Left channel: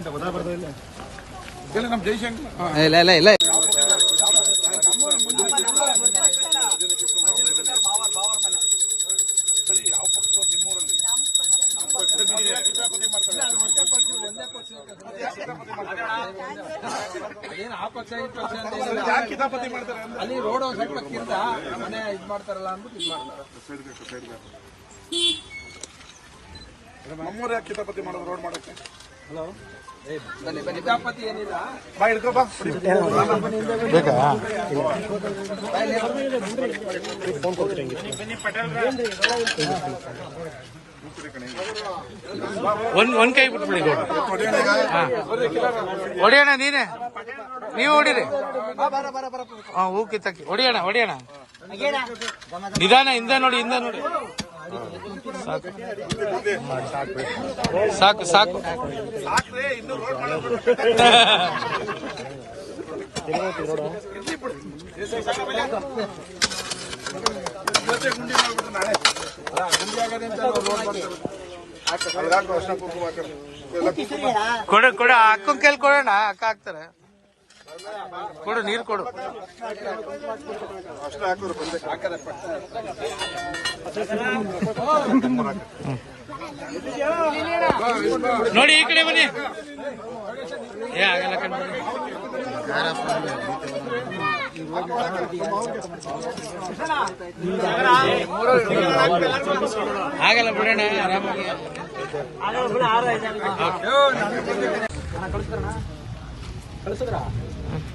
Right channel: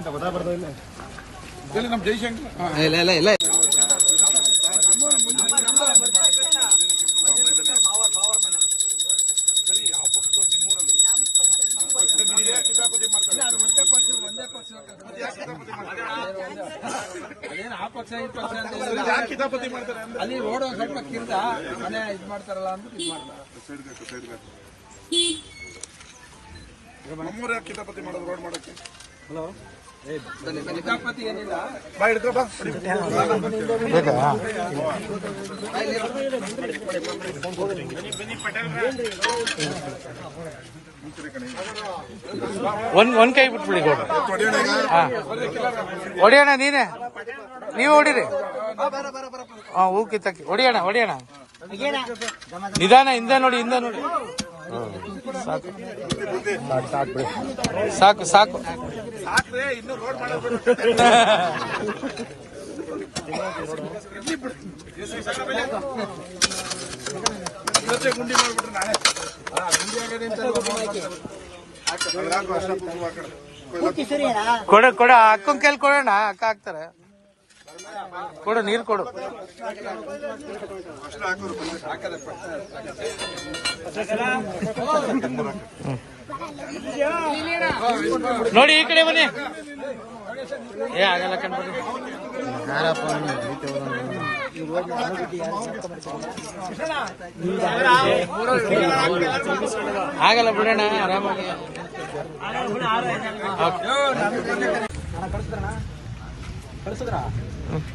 ಅಂತ ಗೊತ್ತಾಗ್ಬಾರ್ದು ಇಲ್ಲ ನಮ್ಮ ಜಯಶಂಕರ್ ಇಲ್ಲ ಇಲ್ಲ ಇಲ್ಲ ಅದೇನು ಆ ಪಕ್ಷ ಈ ಪಕ್ಷ ಅಲ್ಲಿ ರೋಡ್ ಒಂದ್ ಸ್ವಲ್ಪ ಕಿರ್ದ ಮನೆ ಇದ್ ಮಾಡ್ತಾರಲ್ಲ ಅಂದ್ಬಿಟ್ಟು ಇದ್ ಮಾಡ್ತಾರೆ. ನಮ್ಮೂರ ಕಿತಾಪತಿ ಮಾಡೋದು ರೋಡ್ ಮಾಡೋಕೆ. ಹಲೋ ಕಿತಾಪತಿ ಏನಿಲ್ಲ ಬಾ ಹಿಡ್ಕೊ ಬಾ ಒಂದ್ ಕೈ ಬಿಟ್ಬಿಡಿ ಗೌಡ. ಹೊಡಿಯೋಣ ನೀನೇ, ನೀವು ಹೊಡಿರಿ. ಹೂ ಕಿತ್ತಕ್ಕೆ ಹೊಡಿಯೋಣ ಹೊಡಿಯೋಣ. ನಿಧಾನ, ಹಿಂದೆ ನೋಡಿ ಹಿಂದೆ ನೋಡಿ. ಸಾಕು ಸಾಕು ಸಾಕು. ಕೊಡು ಕೊಡು, ಅಕ್ಕನ ಕೈಲಿ ಕೊಡೋಣ, ಅಕ್ಕ ಹಾಕ್ತಾರೆ. ಕೊಡು, ನೀರು ಕೊಡು. ನೋಡಿ ಈ ಕಡೆ ಬನ್ನಿ. ಆಗಲ್ಲ ಕಣ್ಬಿಡಿ. ಆಗಲ್ಲ ಬಿಡೋಣ, ಆರಾಮಾಗಿ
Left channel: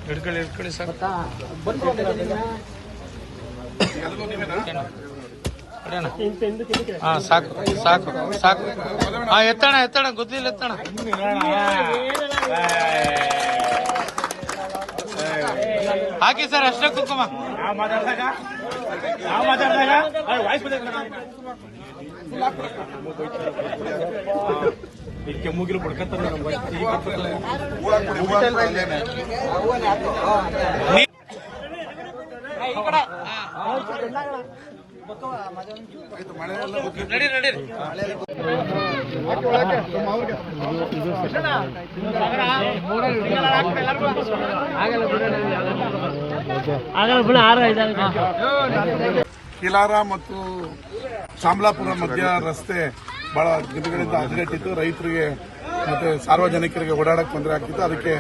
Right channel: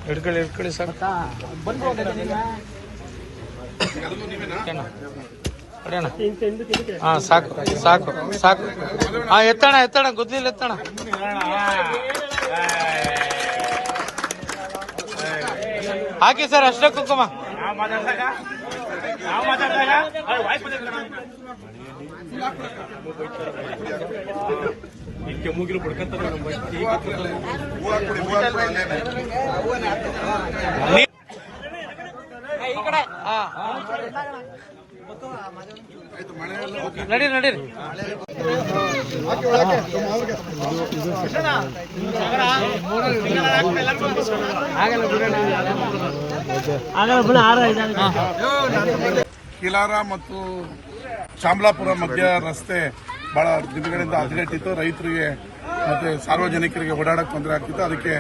ಹಿಡ್ಕೊಳ್ಳಿ ಹಿಡ್ಕೊಳ್ಳಿ ಸಾಕು. ಹಾ ಸಾಕು ಸಾಕು ಸಾಕು. ಹಾ ಎತ್ತಣ ಎತ್ತಣ, ಗೊತ್ತಿಲ್ಲ ಎತ್ತಣ. ಹಾಕಿ ಸರ್, ಅಷ್ಟೇ ಕುಂಕುಮ. ಮುಗಿಲು ನಡೀರಿ ನಡೀರಿ. ಕಿಲಾರ ಮತ್ತು ಚಾಮಲಾಪುರ ಮಧ್ಯ ರಸ್ತೆ ಬಹಳ ದಿನಗಳಿಂದ ಹದಗೆಟ್ಟಿತ್ತು. ರೈತರಿಗೆ ಮತ್ತೆ ಸಾರ್ವಜನಿಕರಿಗೆ ಓಡಾಡಕ್ಕೆ ತೊಂದರೆ ಆಗ್ತಿತ್ತು. ಅದಕ್ಕೆ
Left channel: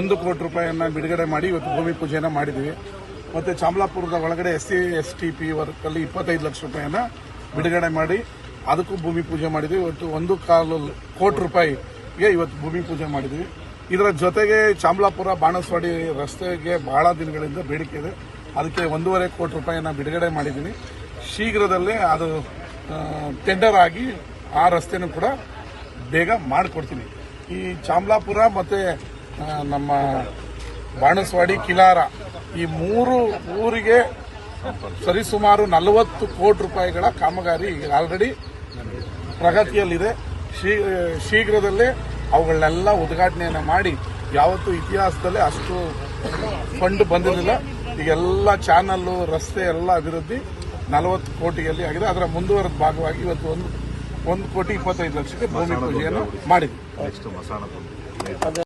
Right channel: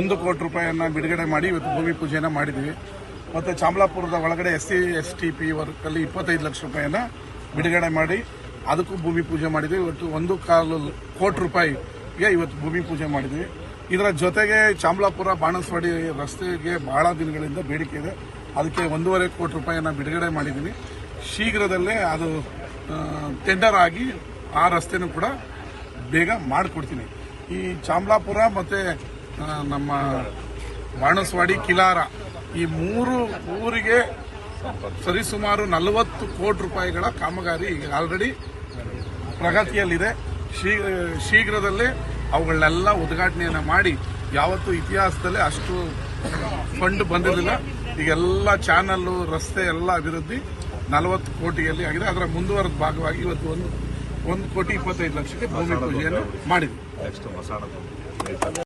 1 ಕೋಟಿ ರೂಪಾಯಿಯನ್ನ ಬಿಡುಗಡೆ ಮಾಡಿ ಇವತ್ತು ಭೂಮಿ ಪೂಜೆಯನ್ನ ಮಾಡಿದ್ವಿ. ಮತ್ತೆ ಚಾಮಲಾಪುರದ ಒಳಗಡೆ SC/STP ವರ್ಕಲ್ಲಿ 25 ಲಕ್ಷ ರೂಪಾಯಿಯನ್ನ ಬಿಡುಗಡೆ ಮಾಡಿ ಅದಕ್ಕೂ ಭೂಮಿ ಪೂಜೆ ಮಾಡಿದ್ವಿ. ಇವತ್ತು 1.25 ಕೋಟಿ ರೂಪಾಯಿಗೆ ಇವತ್ತು ಭೂಮಿ ಪೂಜೆ ಮಾಡಿದ್ವಿ. ಇದರ ಜೊತೆಗೆ ಚಾಮಲಾಪುರ ಬಾಣಸ್ವಾಡಿ ರಸ್ತೆಗೆ ಬಹಳ ದಿನಗಳಿಂದ ಬೇಡಿಕೆ ಇದೆ. ಅದಕ್ಕೆ 1.5 ಕೋಟಿ ರೂಪಾಯಿಯನ್ನ ಬಿಡುಗಡೆ ಮಾಡಿದ್ವಿ. ಶೀಘ್ರದಲ್ಲೇ ಅದು ಟೆಂಡರ್ ಆಗಿ ಆ ರಸ್ತೆನೂ ಕೂಡ ಬೇಗ ಮಾಡಿಕೊಡ್ತೀನಿ. ಈ ಚಾಮಲಾಪುರ ಮತ್ತೆ ನಮ್ಮ ಬಾಣಸ್ವಾಡಿ, ಕಿಲಾರ ಈ 3 ಊರಿಗೆ ಸರಿಸುಮಾರು 40 ಕೋಟಿ ರೂಪಾಯಿಗಳ ಕಾಮಗಾರಿ ಆಲ್ರೆಡಿ ಪ್ರಗತಿಯಲ್ಲಿದೆ. ಶೀಘ್ರದಲ್ಲೇ ಅವುಗಳನ್ನೆಲ್ಲ ಉದ್ಘಾಟನೆಯನ್ನು ಮಾಡಿ, ಯಾವತ್ತೂ ಇತಿಹಾಸದಲ್ಲೇ ಅಷ್ಟು ಫಂಡ್ ಬಂದಿರಲಿಲ್ಲ. ಈಗೆಲ್ಲ ಚಾನಲ್ಲು, ರಸ್ತೆ ಎಲ್ಲ ಅಭಿವೃದ್ಧಿ 40 ಕೋಟಿಯಲ್ಲಿ ಆಗಿದೆ. ಅದರ ಮುಂದುವರೆದ ಭಾಗವಾಗಿ ಇವತ್ತು 1 ಕೋಟಿ 25 ಲಕ್ಷಕ್ಕೆ ಭೂಮಿ ಪೂಜೆಯನ್ನು ಮಾಡಿದ್ವಿ.